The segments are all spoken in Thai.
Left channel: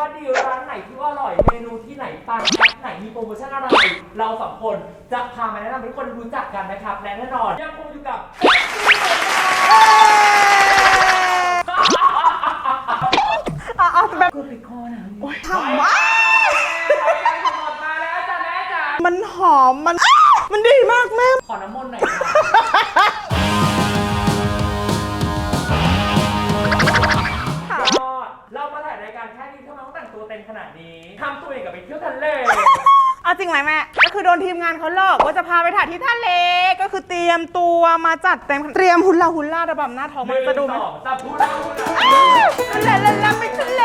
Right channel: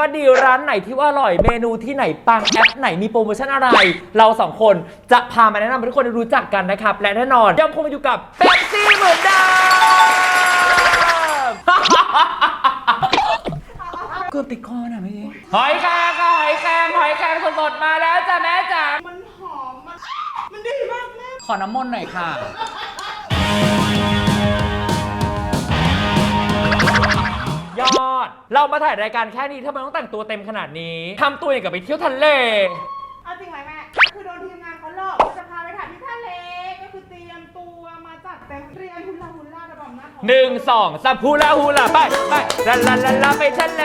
ว่าดีร้านไหนที่ว่าอร่อยเมนูที่ไหนปังแอปไหนมีโปรโมชั่นอะไรเราสองคนจะพามาแนะนำให้ทุกคนได้รู้จักกันนะครับและแน่นอนยังคงอยู่กับเป๊ปซี่เหมือนเดิมเกือบติดคอนะพี่หอยแครงสดๆมาแล้วจ้ะแม่จ๋ามันหอมมันดีมากแม่ขอน้ำมนต์หน่อยค่ะยอดเรามาถ่ายรายการแค่นี้ทำไมต้องแต่งตัวเต็มขนาดนี้ทำตัวอย่างกับไปเที่ยวทะเลเอาจริงไหมแม่ก็คือโดนทีมงานเขาหลอกว่าจะพาไปถ่ายที่ทะเลก็คือเตรียมตัวมาจัดเต็มเตรียมฮุลลาระบำหน้าท้อง 1 2 3ฮูลาไปลาไปทะเล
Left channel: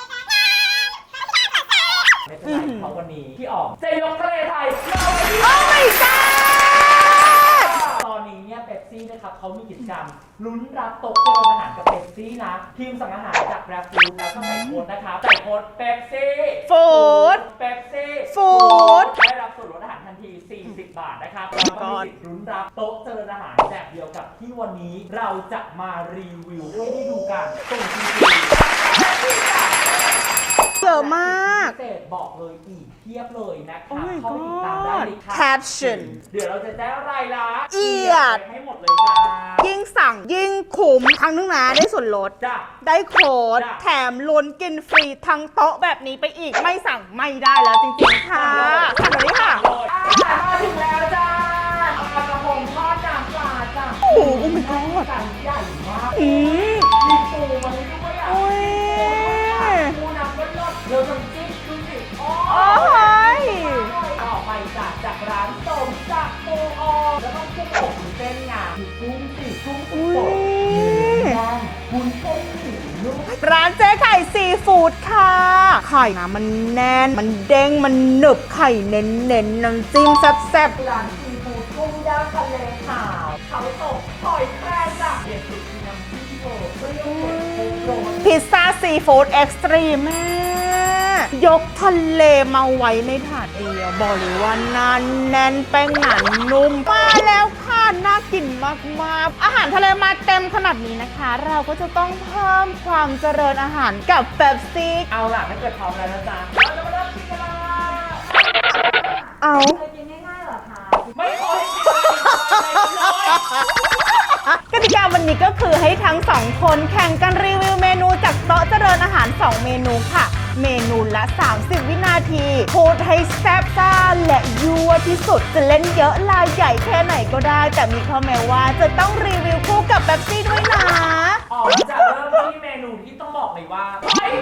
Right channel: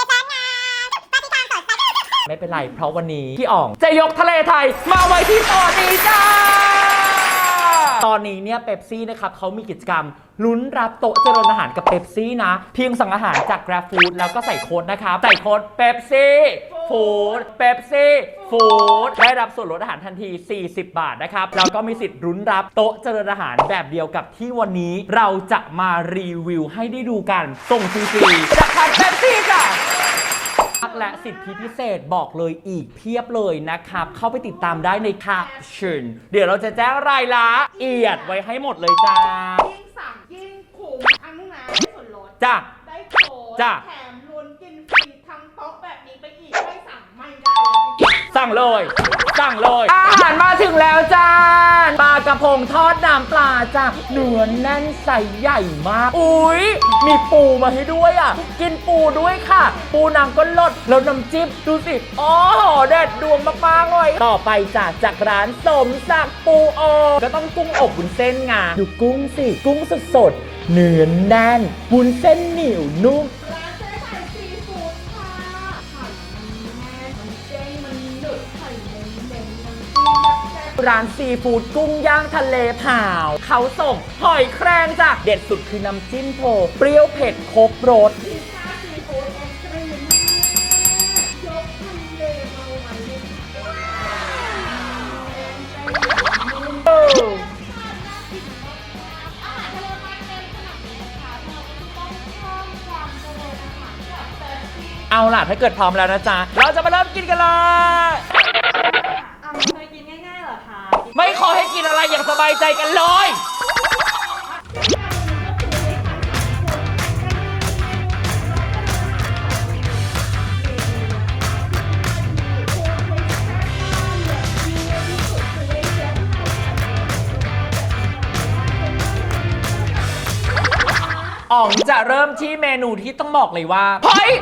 ไม่เป็นไรเพราะวันนี้พี่อ๋องจะยกทะเลไทยมาไว้ที่ออริจ้าตอนนี้เนี่ยเป๊ปซี่นะครับเขามีกิจกรรมลุ้นรับโต๊ะเจริญอาหารกับเป๊ปซี่นะเพียงสั่งอาหารจาก Grab Food แล้วก็ใส่โค้ดนะครับใส่โค้ดเป๊ปซี่ฟู้ดเป๊ปซี่ฟู้ดได้รับส่วนลดอาหารทันที40 บาทนะครับแล้วก็มีสิทธิ์ลุ้นรับโต๊ะเจริญอาหารแบบเดียวกับที่วันนี้เราจะมารีวิวให้ได้ดูกันส่งฟรีๆจากทางเป๊ปซี่จ้ะเยอะมากและสิทธิพิเศษบอกเลยอีกเพียบเลยนะครับเข้าไปติดตามได้ในแคปชั่นเดี๋ยวเราจะแจ้งรายละเอียดไปให้หมดเลยจ้ายิ่งสั่งยิ่งคุ้มครั้งนึงนะได้ส่วนลดจ้าได้โค้ดแถมลุ้นกินฟรีทั้งโต๊ะแบบนี้ไปอีกไม่สั่งไม่ได้แล้วจริงๆสั่งเลยอาหารมาถึงแล้วจ้าปลากระพงทอดน้ำปลาจ้าเนื้อแน่นใสใหญ่มากอุ้ยมีปูมาให้ด้วยอ่ะกินปูด้วยค่ะปูน้ำก็ลดแล้วน้ำจิ้มดูสิโอ้เด็ดดวงมากๆเลยต่อไปจากร้านสมศักดิ์ปูอบก็ต้องกุ้งอบวุ้นเส้นงาดูกุ้งสิกุ้งสดเนื้อแน่นวุ้นเส้นเหนียวนุ่มร้านเจ๊ไข่ซีฟู้ดค่ะไข่นะมันแน่นมันเด้งมันหนึบไข่เน้นน้ำจิ้มแซ่บร้านซีฟู้ดกุ้งย่างทะเลเผาเขาส่งหอยแครงจ้ะเด็ดสุดคือน้ำจิ้มโผเปรี้ยวเผ็ดครบรสพิซซ่าซีฟู้ดเอ็กซ์ตรีมแม่ยกทะเลมาไว้ในถาดเองบอกเลยว่านานแน่นแป้งหนานุ่มมาแล้วค่ะน่ากินมากๆอาหารทะเลมาเต็มขนาดนี้นะคะเราก็จะต้องเพิ่มความเจริญอาหารกับเป๊ปซี่เอาล่ะถ้าเกิดพร้อมแล้วนะจ๊ะเราจะมาเริ่มกินกันเลยเอาเคยกินง่ายๆเหรอคะไม่ขอให้กินอะไรอย่างสบายใจกันเลยกติกาวันนี้ก็คือให้ทั้ง2คนแข่งกันรีวิวเมนูจากโต๊ะเจริญอาหาร2เมนูค่ะเมนูละ30 วินาทีพูดให้แซ่บซ่าและยั่วที่สุดจะเล่นเยอะลายใหญ่แค่ไหนก็ได้แต่มีข้อแม้ว่าจะต้องรีวิวคู่กับเป๊ปซี่ด้วยนะอ๋อจะเริ่มที่เมนูที่ต้องบอกเลยว่าหอย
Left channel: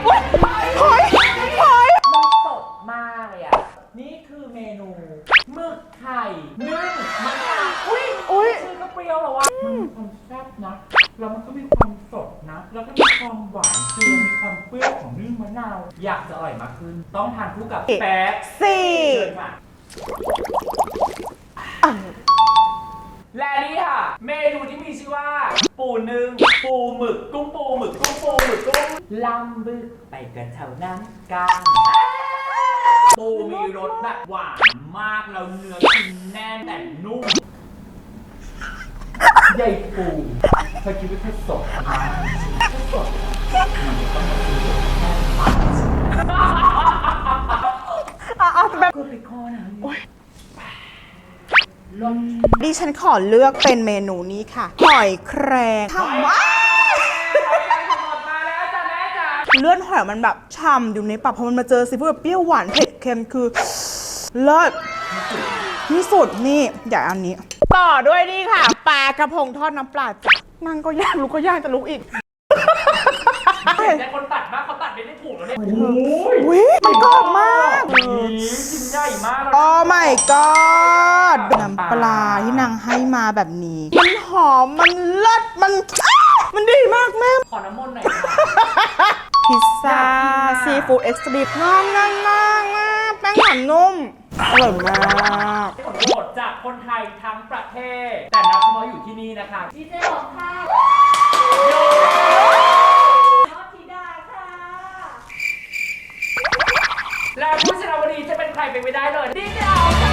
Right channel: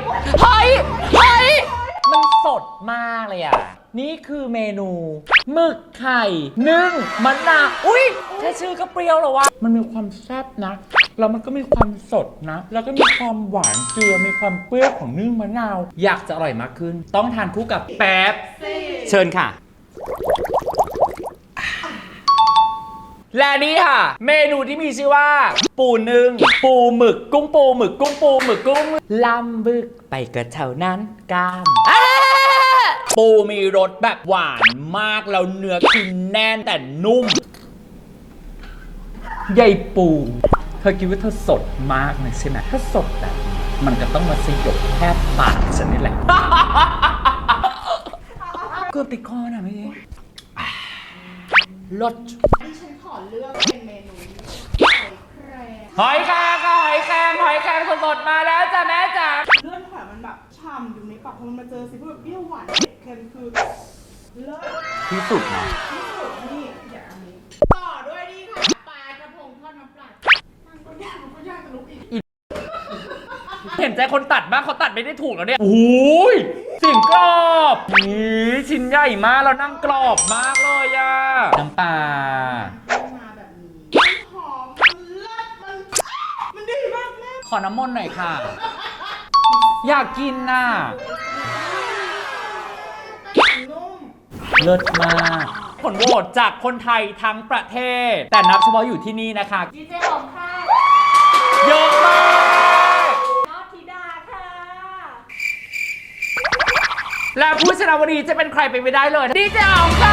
มันสดมากเลยอ่ะนี่คือเมนูหมึกไข่นึ่งมะนาวอุ้ยชื่อก็เปรี้ยวแล้ววะมันมีความแซ่บนะแล้วมันก็มีความสดนะแล้วก็มีความหวานเกลือมีความเปรี้ยวของนึ่งมะนาวอยากจะอร่อยมากขึ้นต้องทานคู่กับเป๊ปซี่เชิญค่ะและนี่ค่ะเมนูที่มีชื่อว่าปูนึ่งปูหมึกกุ้งปูหมึกกุ้งปูหมึกกุ้งลำบึกไปกระเท่านั้นกันปูมีรสแบบหวานมากแล้วเนื้อคือแน่นแต่นุ่มใหญ่ปูเธอคิดว่าเธอสดมากใช่ไหมถ้าสดอ่ะมันจะต้องมาสยบแค่ปากฉันนี่แหละเกือบติดคอนะพี่รสดิฉันขอเลือกเป็นเมนูนี้ค่ะหอยแครงสดมาแล้วจ้ะแม่จ๋าเลือดหอยมันแบบฉ่ำอยู่ในปากพอมันมาเจอซีฟู้ดแบบเปรี้ยวหวานเผ็ดเค็มคือเลิศที่สุดนี่อย่างอันนี้ต่อด้วยนี่ค่ะปลากระพงทอดน้ำปลานั่งก็ย่างลุกก็ย่างจะลุกอีกเห็นใจคนตัดมากเขาตัดไม่ได้ถูกแล้วเนี่ยโอ้ยจริงมากชิ้นใหญ่มากแล้วนั่งกรอบก็น้ำปลาที่นางให้มาแบบนี้มันหอมมันเลิศมันดีมากแม่ขอน้ำมนต์หน่อยค่ะพิซซ่าซีฟู้ดเอ็กซ์ตรีมนั่งแป้งหนานุ่มเลิศมากผลโหวตจากคนไทยทั้งประเทศแต่นับเฉพาะอยู่ที่นี่นะคะดีเจของค่ะเยอะมากและผู้ชนะวันนี้จะเป็นใครไปไม่ได้เลยดีเจอ๋องค่ะ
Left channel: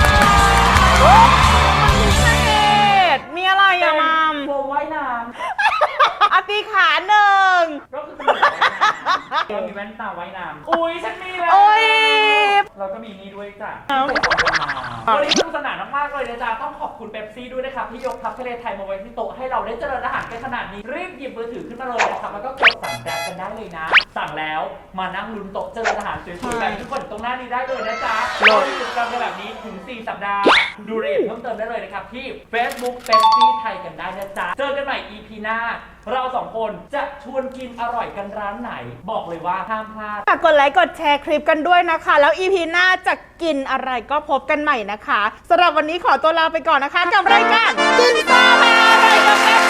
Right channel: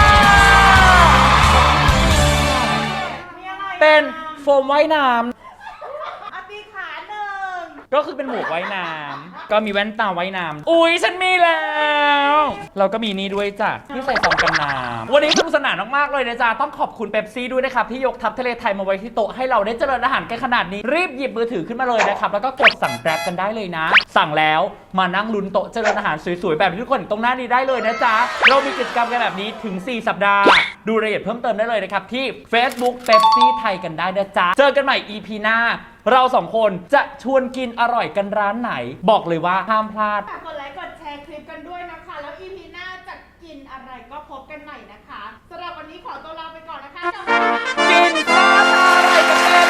มีอะไรเป็นโฟมว่ายน้ำปีขาหนึ่งก็คือเป็นหมวกว่ายน้ำ ก็มีแว่นตาว่ายน้ำอุ๊ยฉันมีแล้โอ้วย เราก็มีนี่ด้วยจ้ะที่ใส่ฟองกันน้ำวันนี้สนุกสนานมากๆเลยนะจ๊ะต้องขอบคุณเป๊ปซี่ด้วยนะครับที่ยกทัพทะเลไทยมาไว้ที่โต๊ะให้เราได้เจริญอาหารกันขนาดนี้รีบหยิบมือถือขึ้นมาเลยนะครับแล้วก็กดสั่งแกร็บกันได้เลยนะ สั่งแล้วมานั่งลุ้นโต๊ะเจริญอาหารสวยๆแบบที่ทุกคนตรงหน้านี้ได้เลยนะจ๊ะเรามีกิจกรรมกันแบบนี้ถึง 4 สัปดาห์ ดูรายละเอียดเพิ่มเติมได้เลยนะครับที่ Facebook เป๊ปซี่ไทยกันได้นะจ๊ะเจอกันใหม่ EP หน้าเราสองคนจะชวนกินอร่อยกันร้านไหน บอกเลยว่าห้ามพลาดฝากกดไลค์กดแชร์คลิปกันด้วยนะคะ แล้ว EP หน้าจะกินอะไรก็พบกันใหม่นะคะสำหรับวันนี้ขอตัวลาไปก่อนนะคะกับรายการกินข้าว